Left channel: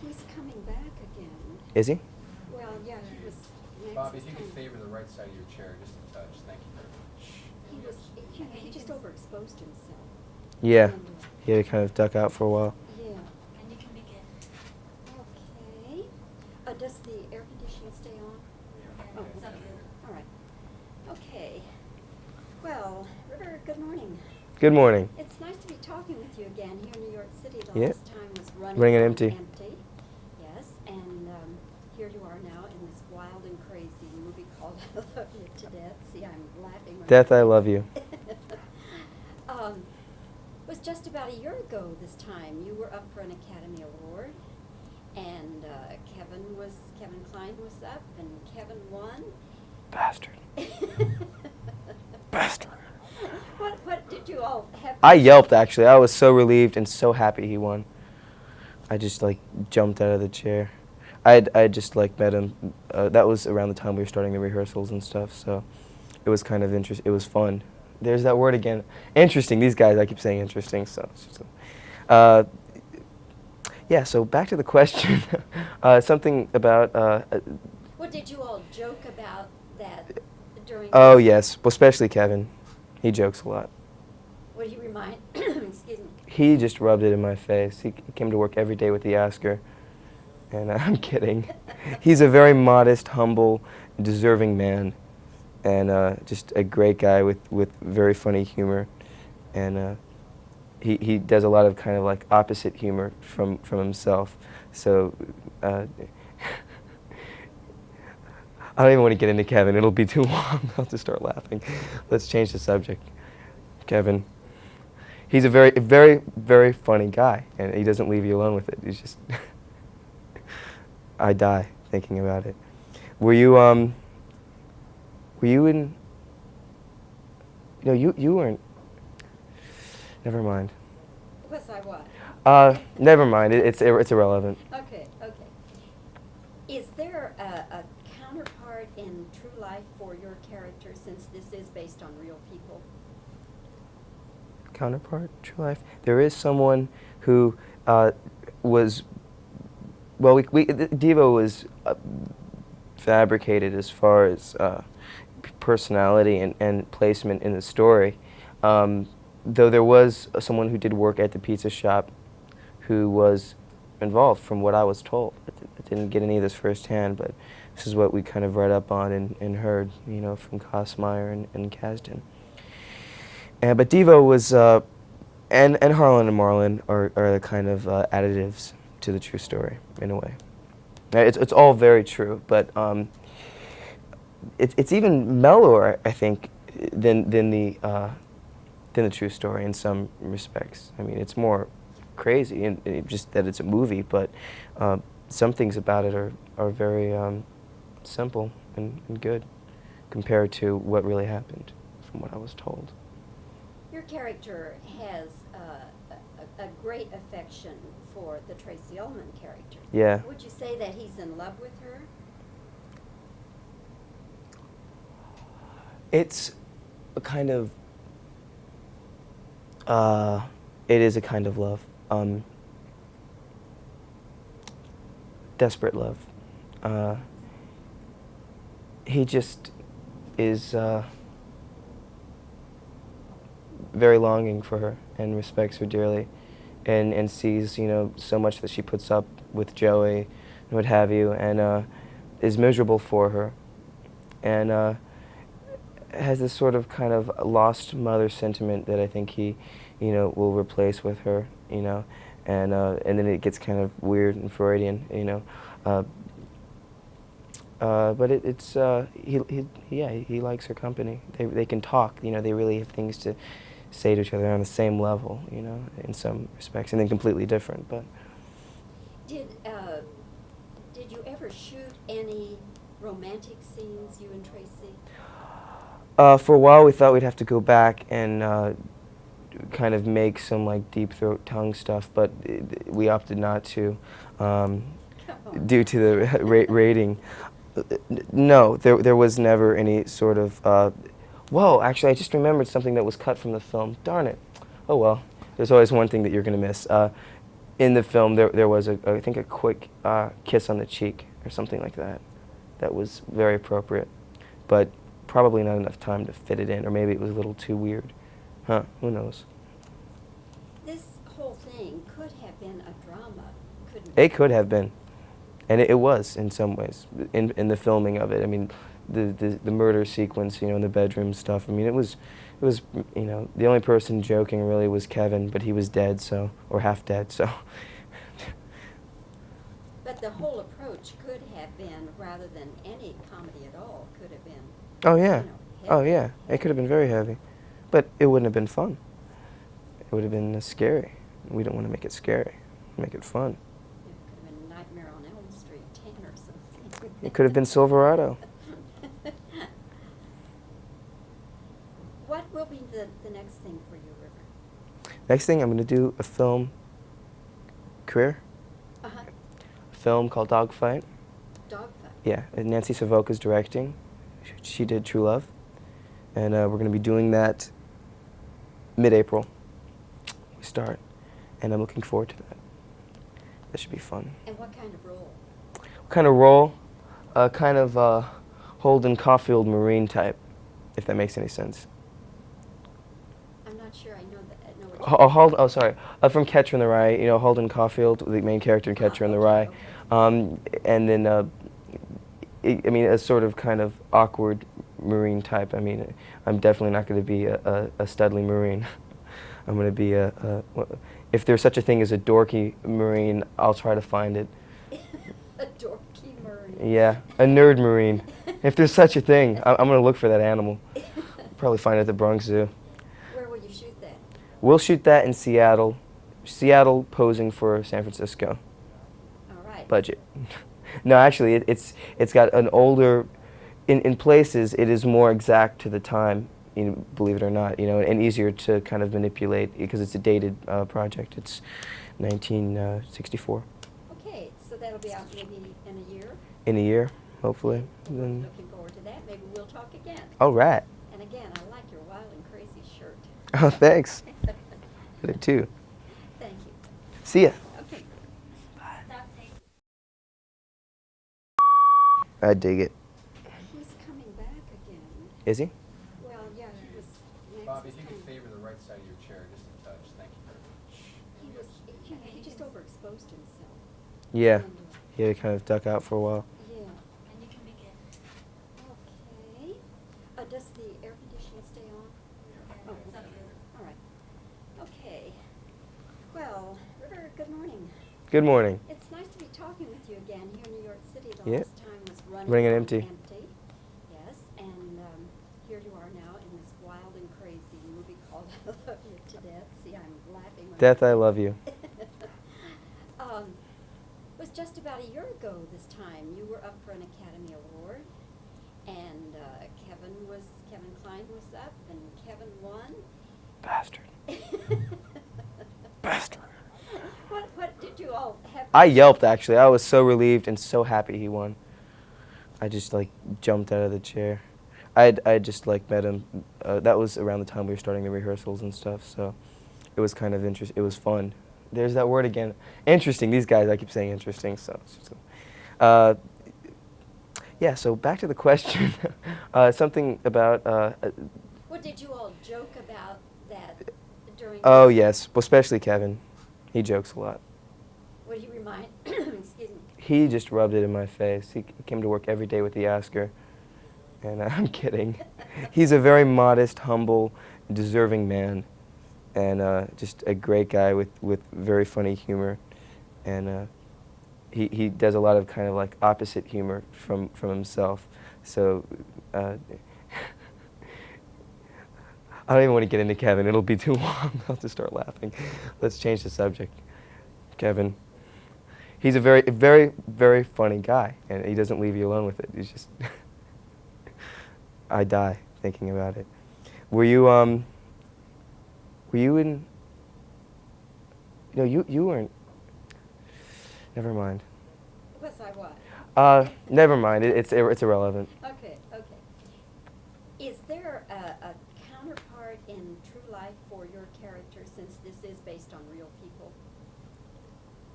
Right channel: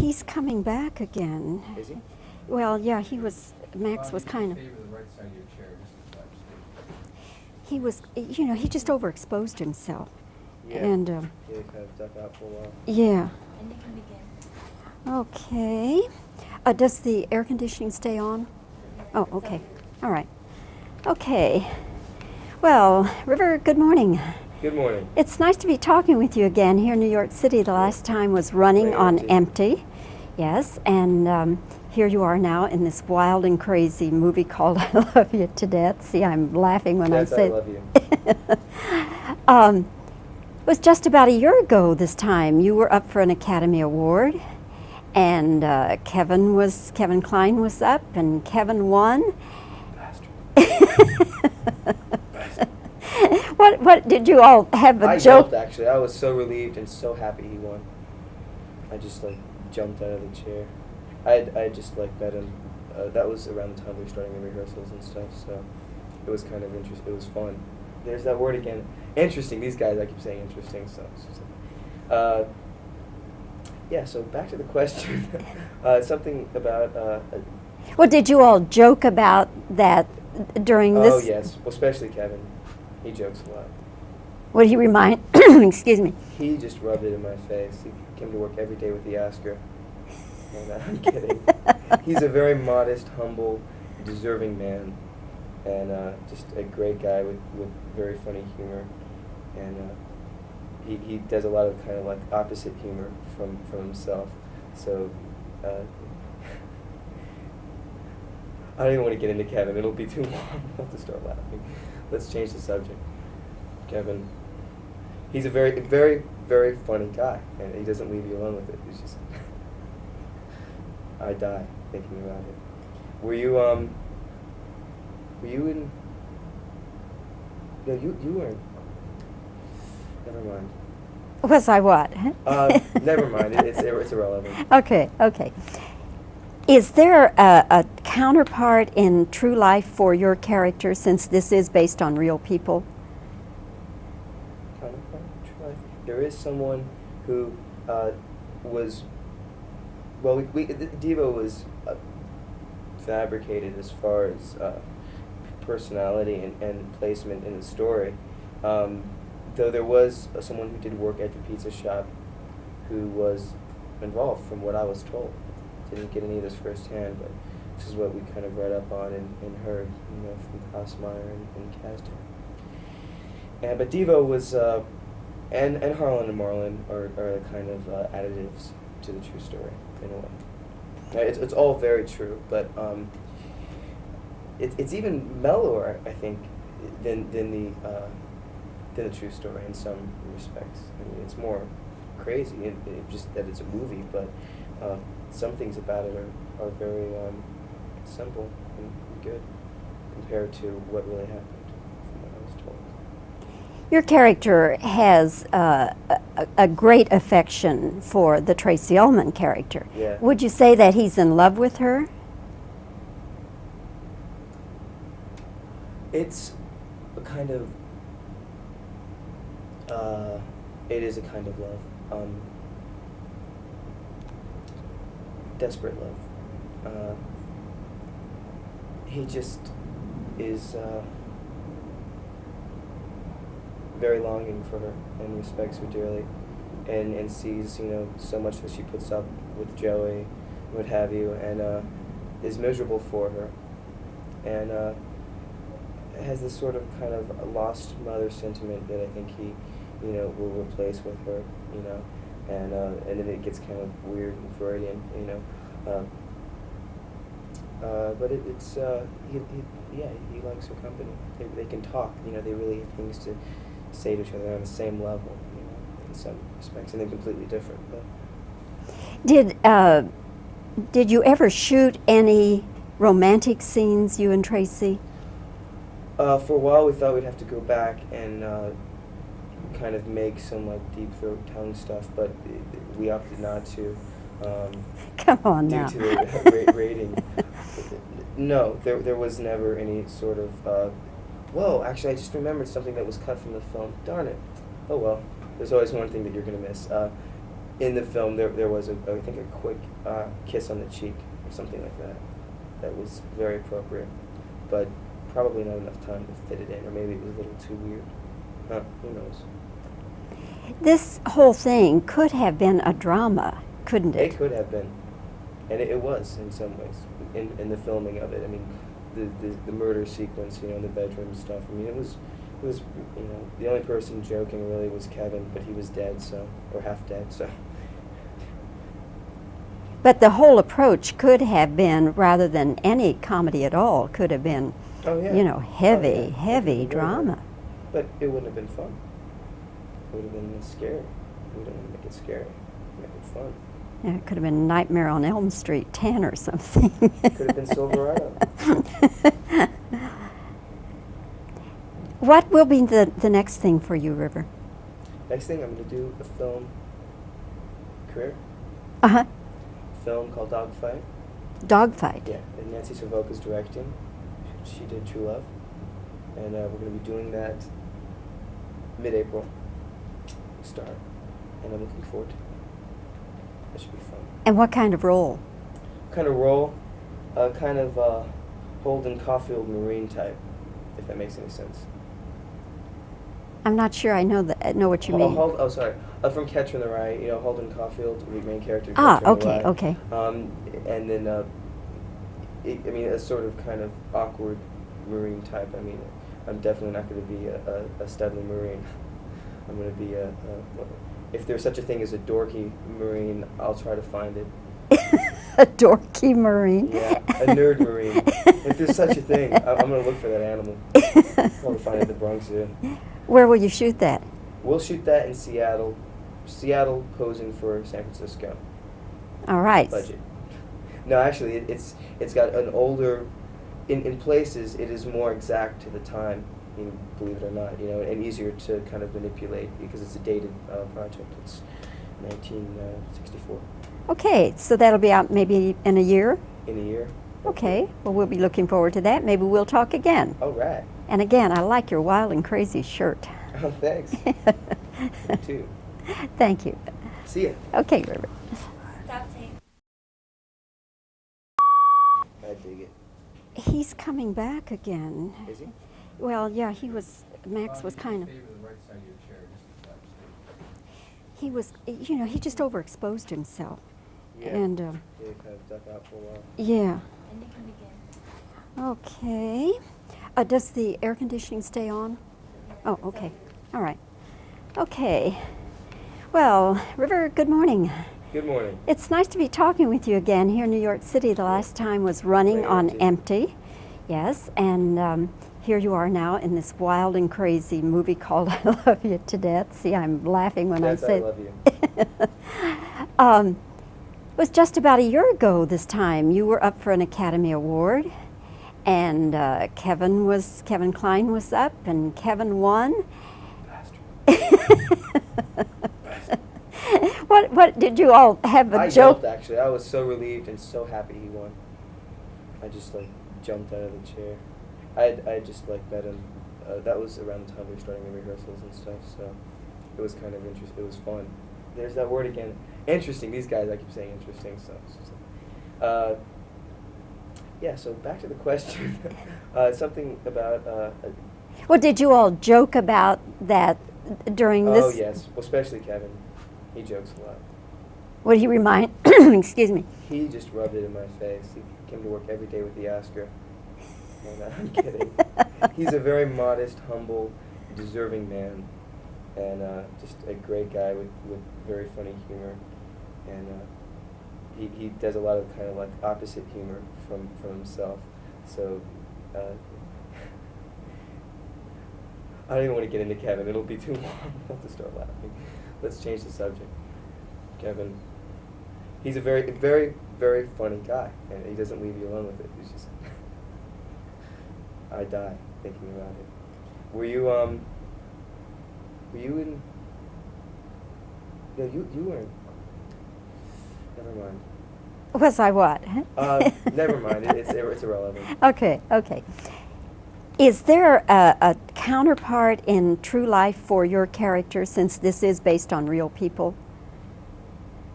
he's coming back again. Is he? Well, yeah, Max was kind of, Favor the right side of your chair, just a touch. Thank you. he was, he just overexposed himself. Yeah. And, He had to kind of duck out for a while. yeah. And you can begin. Okay. Does the air conditioning stay on? Oh, okay. All right. Okay. Well, River, good morning. Good morning. It's nice to be talking with you again here in New York City. The last time was running Ring on Empty. empty. Yes, and here you are now in this wild and crazy movie called I Love You to Death. See, I'm laughing when Death, I say I love you. It was just about a year ago this time. You were up for an Academy Award, and Kevin Kline was up, and Kevin won. Bastard. Bastard. What did you all have? I joke? yelped, actually. I was so relieved and so happy he won. I just, like, jumped out of the chair. I just, like, met him. That was around the time we were starting the rehearsals and stuff, so it was kind of interesting. It was fun. There's that word again. Interesting. These guys, I keep saying interesting, yeah, so back to the question. Something about... Well, did you all joke about that during oh, this? yes. Well, especially Kevin. He jokes a lot. What did he remind? Excuse me. He just rubbed it in my face. He came to work every day with the Oscar. And I'm kidding. He's a very modest, humble, deserving man. And just a great guy with very funny humor. And he does a lot of kind of like opposite humor from himself. So I don't even want to get into Kevin. It'll be too long. I'll just start laughing. Let's change the subject. Kevin. He's a very, very, very funny guy, and he doesn't leave you alone with it. He's just... I die thinking about it. Were you in... No, you weren't... Never mind. Was I what? Never mind. It's irrelevant. Okay. Is there a counterpart in true life for your character, since this is based on real people? Counterpart, true life. There is someone who was... Well, Devo was fabricated as far as personality and placement in the story. Though there was someone who did work at the pizza shop who was involved, from what I was told. I didn't get any of this firsthand, but this is what we kind of read up on and heard, from Kosmeyer and Kasdan. But Devo was, and Harlan and Marlon are the kind of additives to the true story, in a way. It's all very true, but it's even mellower, I think, than the true story in some respects. I mean, it's more crazy, and just that it's a movie, but some things about it are very simple and good compared to what really happened, from what I was told. Your character has a great affection for the Tracy Ullman character. Yeah. Would you say that he's in love with her? It's a kind of... it is a kind of love. Desperate love. He just is very longing for her and respects her dearly, and sees, so much that she puts up with Joey and what have you, and is miserable for her, and has this sort of kind of lost mother sentiment that I think he, will replace with her, and then it gets kind of weird and Freudian, but he likes her company. They can talk, they really have things to say to each other on the same level, in some respects, and then completely different. But did you ever shoot any romantic scenes, you and Tracy? For a while, we thought we'd have to go back and kind of make some like deep throat tongue stuff, but we opted not to. Come on due now. to the rating. No, there was never any sort of. Whoa, actually, I just remembered something that was cut from the film. Darn it. Oh well. There's always one thing that you're going to miss. in the film, there was, I think, a quick kiss on the cheek or something like that. That was very appropriate, but probably not enough time to fit it in, or maybe it was a little too weird. Huh, who knows? This whole thing could have been a drama, couldn't it? It could have been, and it was in some ways, in the filming of it. I mean, the murder sequence, in the bedroom stuff. I mean, it was, the only person joking really was Kevin, but he was dead, or half dead, so. But the whole approach could have been, rather than any comedy at all, could have been, Oh yeah. heavy, It could have heavy been very drama. heavy. But it wouldn't have been fun. It would have been scary. We don't want to make it scary. Make it fun. Yeah, it could have been Nightmare on Elm Street 10 or something. It could have been Silverado. What will be the next thing for you, River? Next thing, I'm going to do a film career. Uh-huh. Film called Dogfight. Dogfight. Yeah, and Nancy Savoca's directing. She did True Love. And we're going to be doing that mid-April. We start. And I'm looking forward to that. That should be fun. And what kind of role? What kind of role? Kind of Holden Caulfield Marine type, if that makes any sense. I'm not sure I know what you mean. Sorry. From Catcher in the Rye, Holden Caulfield, the main character in Catcher in the Rye. Okay. And then, a sort of kind of awkward Marine type. I mean, I'm definitely not going to be a studly Marine. I'm going to be if there's such a thing as a dorky Marine, I'll try to find it. A dorky Marine. Yeah, a nerd Marine. If there's such a thing, I'm going to look for that animal. Probably find it at the Bronx Zoo. Where will you shoot that? We'll shoot that in Seattle. Seattle posing for San Francisco. All right. Budget. No, actually, it's got an older. In places, it is more exact to the time. Believe it or not, and easier to kind of manipulate because it's a dated project. It's 1964. Okay, so that'll be out maybe in a year? In a year. Hopefully. Okay, well, we'll be looking forward to that. Maybe we'll talk again. All right. And again, I like your wild and crazy shirt. Oh, thanks. Me too. Thank you. See ya. Okay, River. I dig it. He's coming back again. Is he? Well, yeah, Max was kind of, Favor the right side of your chair, just a touch. Thank you. he was, he just overexposed himself. Yeah. And, He had to kind of duck out for a while. yeah. Okay. Does the air conditioning stay on? Oh, okay. All right. Okay. Well, River, good morning. Good morning. It's nice to be talking with you again here in New York City. The last time was Running Running on Empty. Empty. Yes, and here you are now in this wild and crazy movie called I Love You to Death. See, I'm laughing when Death, I say I love you. It was just about a year ago this time. You were up for an Academy Award, and Kevin Kline was up, and Kevin won. Bastard. Bastard. What did you all have? I yelped, actually. I was so relieved and so happy he won. I just jumped out of the chair. I just met him. That was around the time we were starting the rehearsals and stuff. So it was kind of interesting. It was fun. There's that word again. Interesting. These guys, I keep saying interesting. Yeah. So back to the question. Something about. Well, did you all joke about that during this? Oh yes. Well, especially Kevin. He jokes a lot. Would he remind? Excuse me. He just rubbed it in my face. He came to work every day with the Oscar. And I'm kidding. He's a very modest, humble, deserving man. And just a great guy with very funny humor. And he does a lot of kind of opposite humor from himself. So I don't even want to get into Kevin. It'll be too long. I'll just start laughing. Let's change the subject. Kevin. He's a very, very, very funny guy, and he doesn't leave you alone with it. He's just... I die thinking about it. Were you in... No, you weren't... Never mind. Was I what? Never mind. It's irrelevant. Okay. Is there a counterpart in true life for your character, since this is based on real people?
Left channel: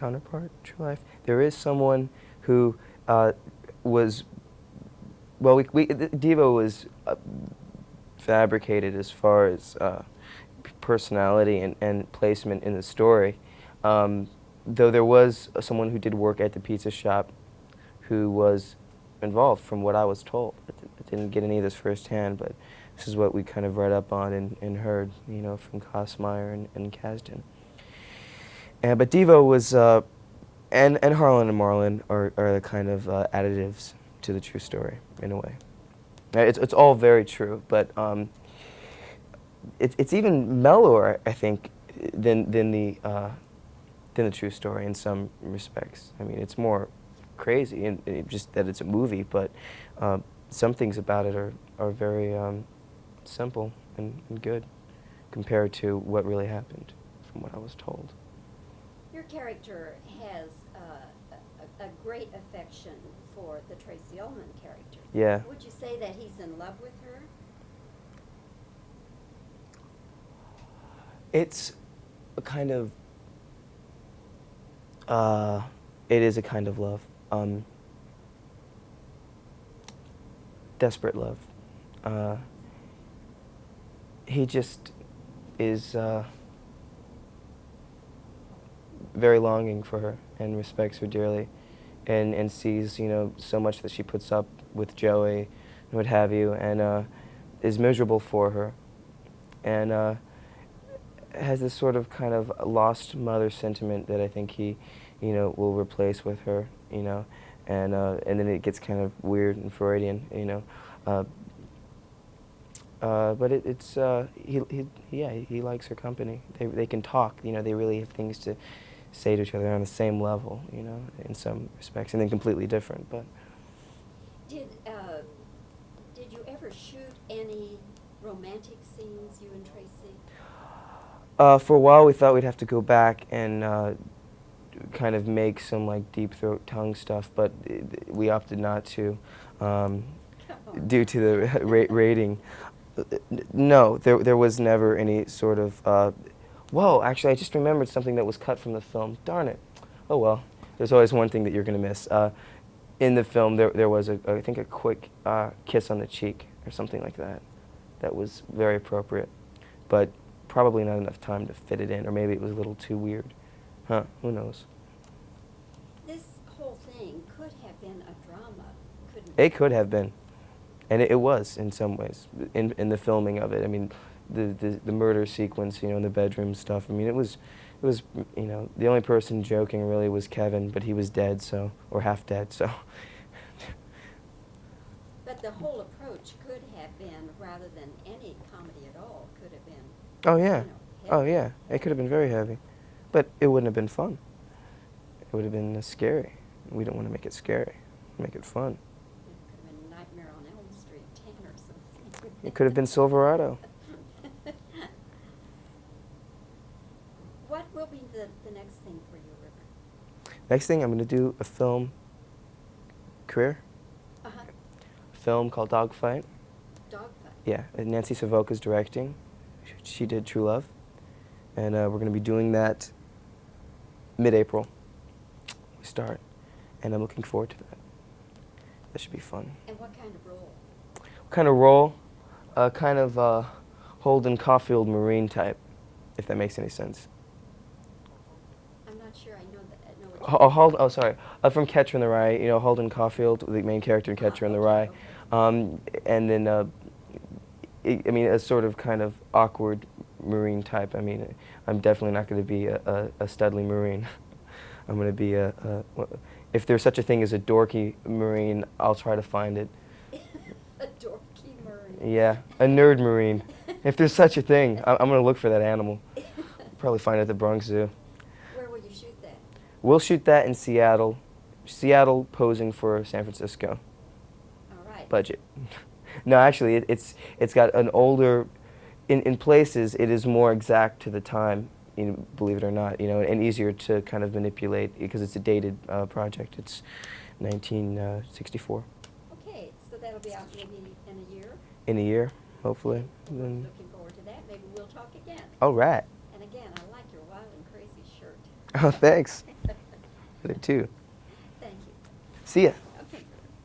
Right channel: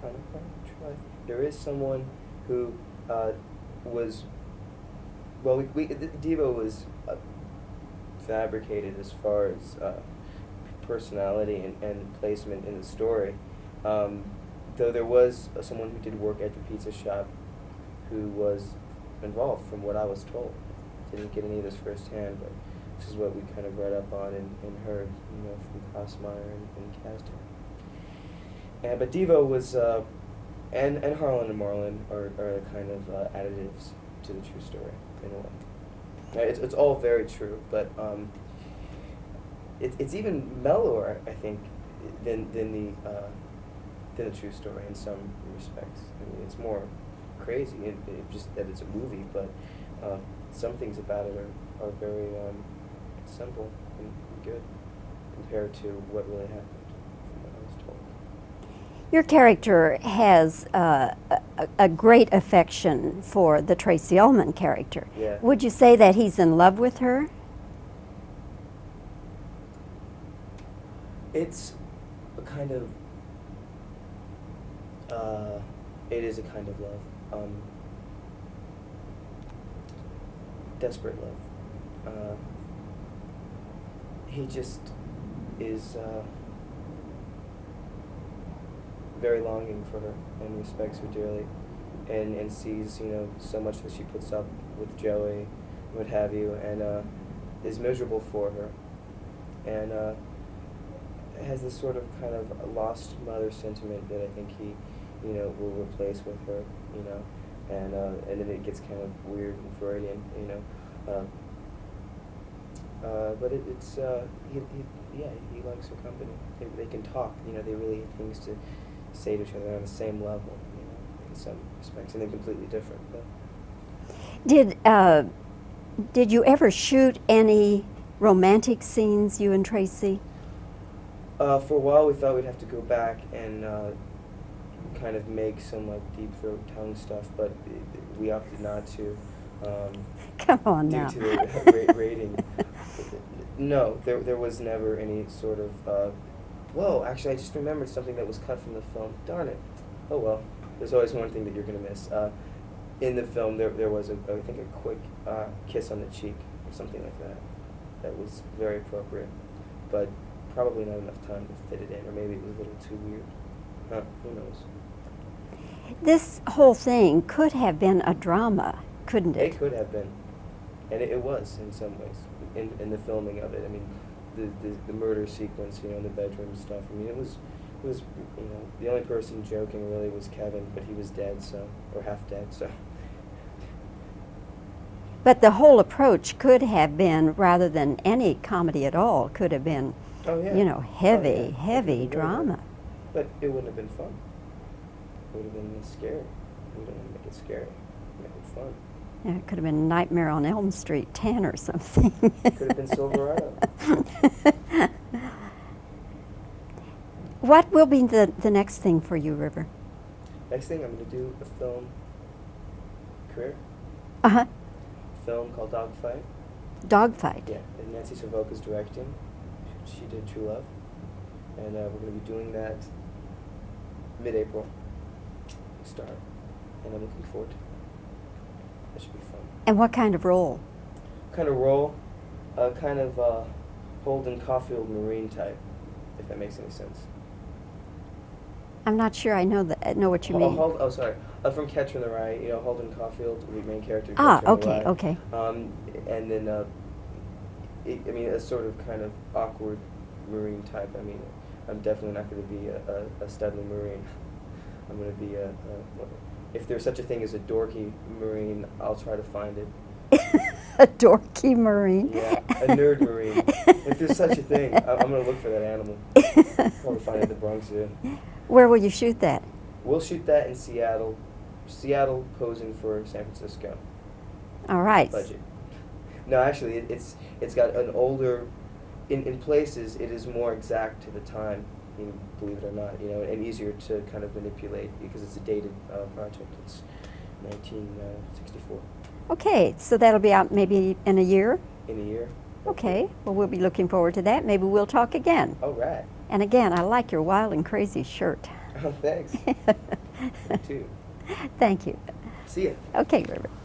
counterpart in true life. There is someone who was, well, Devo was fabricated as far as personality and placement in the story. Though there was someone who did work at the pizza shop who was involved, from what I was told. I didn't get any of this firsthand, but this is what we kind of read up on and heard, you know, from Kosmeyer and Kasdan. But Devo was, and Harlan and Marlon are the kind of additives to the true story, in a way. It's all very true, but it's even mellower, I think, than the true story in some respects. I mean, it's more crazy, and just that it's a movie, but some things about it are very simple and good compared to what really happened, from what I was told. Your character has a great affection for the Tracy Ullman character. Yeah. Would you say that he's in love with her? It's a kind of, it is a kind of love. Desperate love. He just is very longing for her and respects her dearly, and sees, you know, so much that she puts up with Joey and what have you, and is miserable for her, and has this sort of kind of lost mother sentiment that I think he, you know, will replace with her, you know, and then it gets kind of weird and Freudian, you know. But he likes her company. They can talk, you know. They really have things to say to each other on the same level, you know, in some respects, and then completely different. But did you ever shoot any romantic scenes, you and Tracy? For a while, we thought we'd have to go back and kind of make some like deep throat tongue stuff, but we opted not to. Come on due now. to the rating. No, there was never any sort of. Whoa, actually, I just remembered something that was cut from the film. Darn it. Oh well. There's always one thing that you're going to miss. In the film, there was I think a quick kiss on the cheek or something like that. That was very appropriate, but probably not enough time to fit it in, or maybe it was a little too weird. Huh? Who knows? This whole thing could have been a drama, couldn't it? It could have been. And it was in some ways in the filming of it. I mean, the murder sequence, you know, in the bedroom stuff. I mean, it was, you know, the only person joking really was Kevin, but he was dead, so, or half dead, so. But the whole approach could have been, rather than any comedy at all, could have been, Oh yeah. you know, heavy, Oh, yeah. It could have heavy been very drama. heavy. But it wouldn't have been fun. It would have been scary. We don't want to make it scary. Make it fun. Yeah, it could have been Nightmare on Elm Street 10 or something. It could have been Silverado. What will be the next thing for you, River? Next thing, I'm going to do a film career. Uh-huh. A film called Dogfight. Dogfight. Yeah, and Nancy Savoca's directing. She did True Love. And we're going to be doing that mid-April. We start. And I'm looking forward to that. That should be fun. And what kind of role? What kind of role? Kind of Holden Caulfield Marine type, if that makes any sense. I'm not sure I know what you mean. Oh, sorry. From Catcher in the Rye, you know, Holden Caulfield, the main character in Catcher in the Rye. Okay. And then, I mean, a sort of kind of awkward Marine type. I mean, I'm definitely not going to be a studly Marine. I'm going to be if there's such a thing as a dorky Marine, I'll try to find it. A dorky Marine? Yeah, a nerd Marine. If there's such a thing, I'm going to look for that animal. Probably find it at the Bronx Zoo. Where will you shoot that? We'll shoot that in Seattle. Seattle posing for San Francisco. All right. Budget. No, actually, it's got an older. In places, it is more exact to the time. You know, believe it or not, you know, and easier to kind of manipulate because it's a dated project. It's 1964. Okay, so that'll be out maybe in a year? In a year, hopefully. Okay, well, we'll be looking forward to that. Maybe we'll talk again. All right. And again, I like your wild and crazy shirt. Oh, thanks. Me too. Thank you. See ya. Okay, River.